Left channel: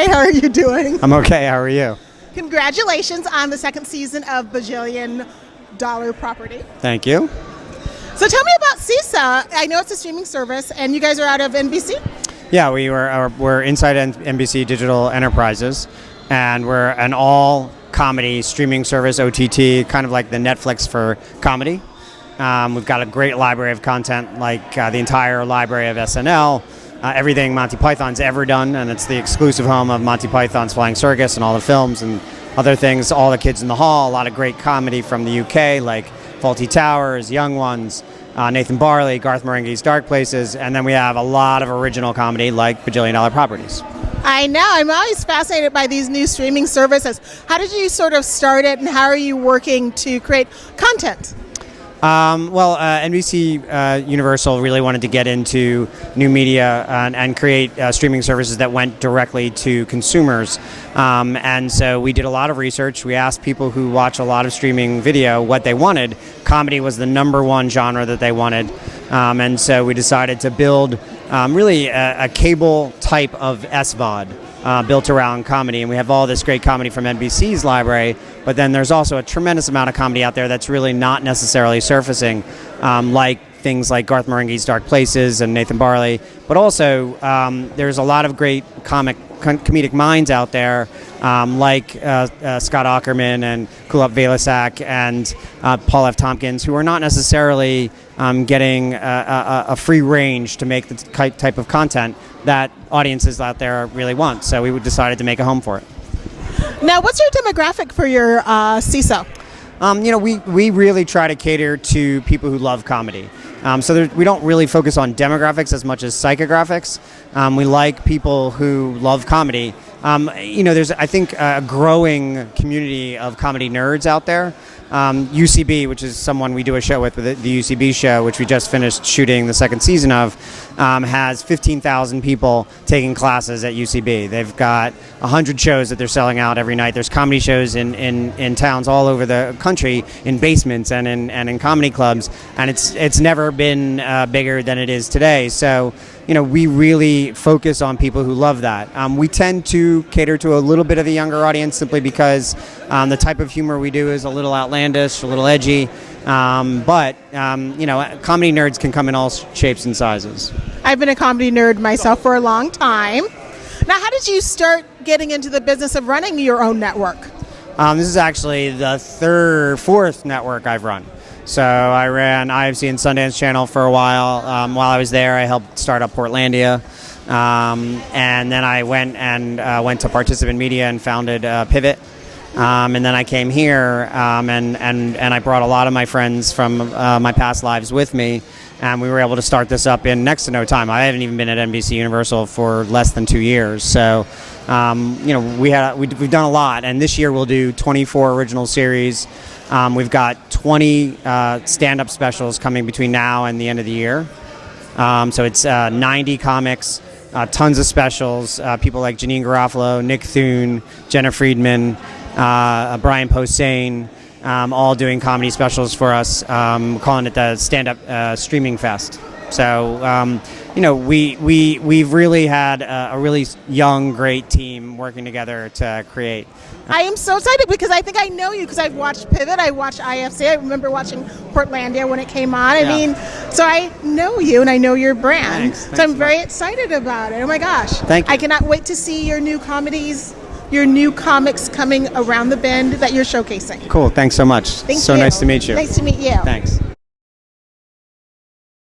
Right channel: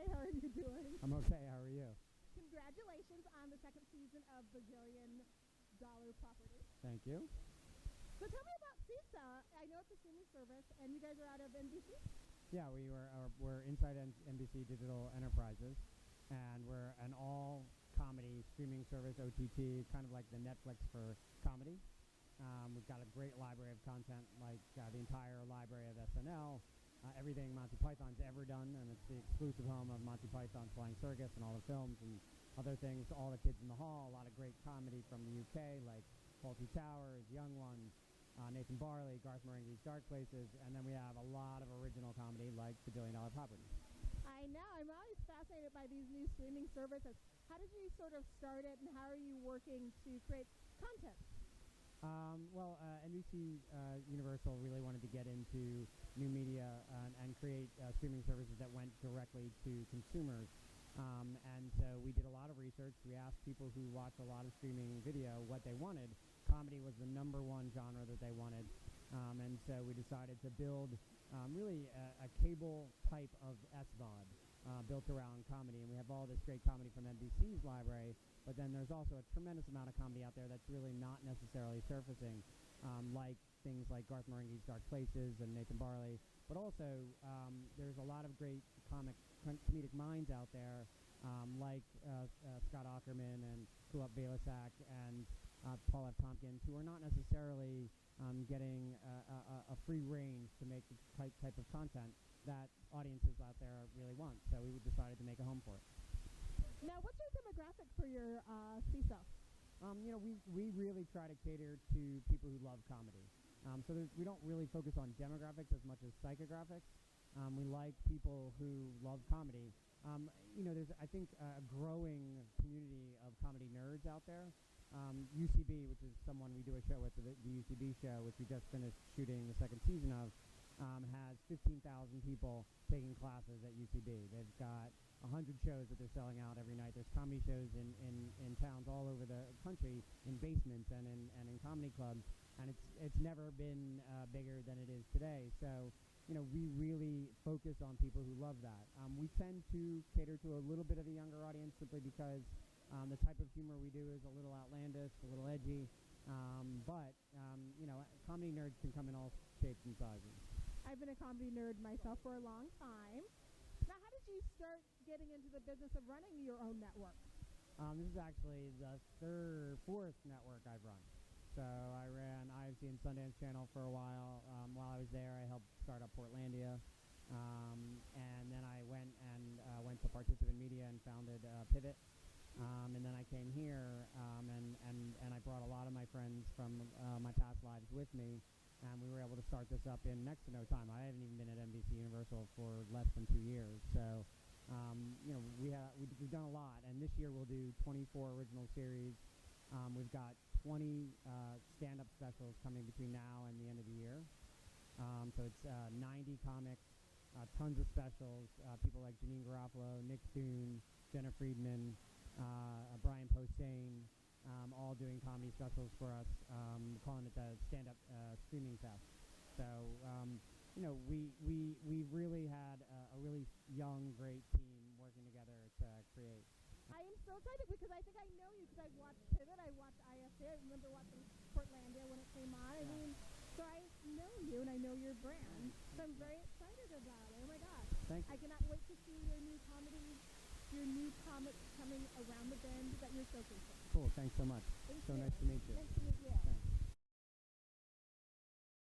Hi, how are you doing? I'm okay. How are you? Congratulations on the second season of Bajillion Dollar Property. Thank you. So tell me about CEESO. I know it's a streaming service, and you guys are out of NBC? Yeah, we're inside NBC Digital Enterprises, and we're an all-comedy streaming service, OTT, kind of like the Netflix for comedy. We've got a great library of content, like the entire library of SNL, everything Monty Python's ever done, and it's the exclusive home of Monty Python's Flying Circus and all the films and other things, All the Kids in the Hall, a lot of great comedy from the UK, like Fawlty Towers, Young Ones, Nathan Barley, Garth Marenghi's Dark Places, and then we have a lot of original comedy like Bajillion Dollar Properties. I know. I'm always fascinated by these new streaming services. How did you sort of start it, and how are you working to create content? NBC Universal really wanted to get into new media and create streaming services that went directly to consumers. And so we did a lot of research. We asked people who watch a lot of streaming video what they wanted. Comedy was the #1 genre that they wanted. And so we decided to build really a cable type of SVOD. Built around comedy, and we have all this great comedy from NBC's library, but then there's also a tremendous amount of comedy out there that's really not necessarily surfacing, like things like Garth Marenghi's Dark Places and Nathan Barley, but also there's a lot of great comedic minds out there, like Scott Aukerman and Kulap Velasak and Paul F. Tompkins, who are not necessarily getting a free range to make the type of content that audiences out there really want. So we decided to make a home for it. Now, what's your demographic for your CEESO? We really try to cater to people who love comedy. We don't really focus on demographics as much as psychographics. We like people who love comedy. There's, I think, a growing community of comedy nerds out there. UCB, which is someone we do a show with the UCB show, which we just finished shooting the second season of, has 15,000 people taking classes at UCB. They've got 100 shows that they're selling out every night. There's comedy shows in towns all over the country, in basements and in comedy clubs, and it's never been bigger than it is today. So, we really focus on people who love that. We tend to cater to a little bit of a younger audience simply because the type of humor we do is a little outlandish, a little edgy, but comedy nerds can come in all shapes and sizes. I've been a comedy nerd myself for a long time. Now, how did you start getting into the business of running your own network? This is actually the fourth network I've run. So I ran IFC and Sundance Channel for a while. While I was there, I helped start up Portlandia. And then I went to Participant Media and founded Pivot. And then I came here and I brought a lot of my friends from my past lives with me. And we were able to start this up in next to no time. I haven't even been at NBC Universal for less than 2 years. So, we've done a lot. And this year we'll do 24 original series. We've got 20 stand-up specials coming between now and the end of the year. So it's 90 comics, tons of specials, people like Janine Garofalo, Nick Thune, Jenna Friedman, Brian Posehn, all doing comedy specials for us, calling it the Stand-Up Streaming Fest. So, we've really had a really young, great team working together to create. I am so excited because I think I know you because I've watched Pivot, I watched IFC, I remember watching Portlandia when it came on. So I know you and I know your brand. Thanks so I'm very excited about it. Oh my gosh. Thank you. I cannot wait to see your new comedies, your new comics coming around the bend that you're showcasing. Cool. Thanks so much. Thank you. So nice to meet you. Nice to meet you. Thanks.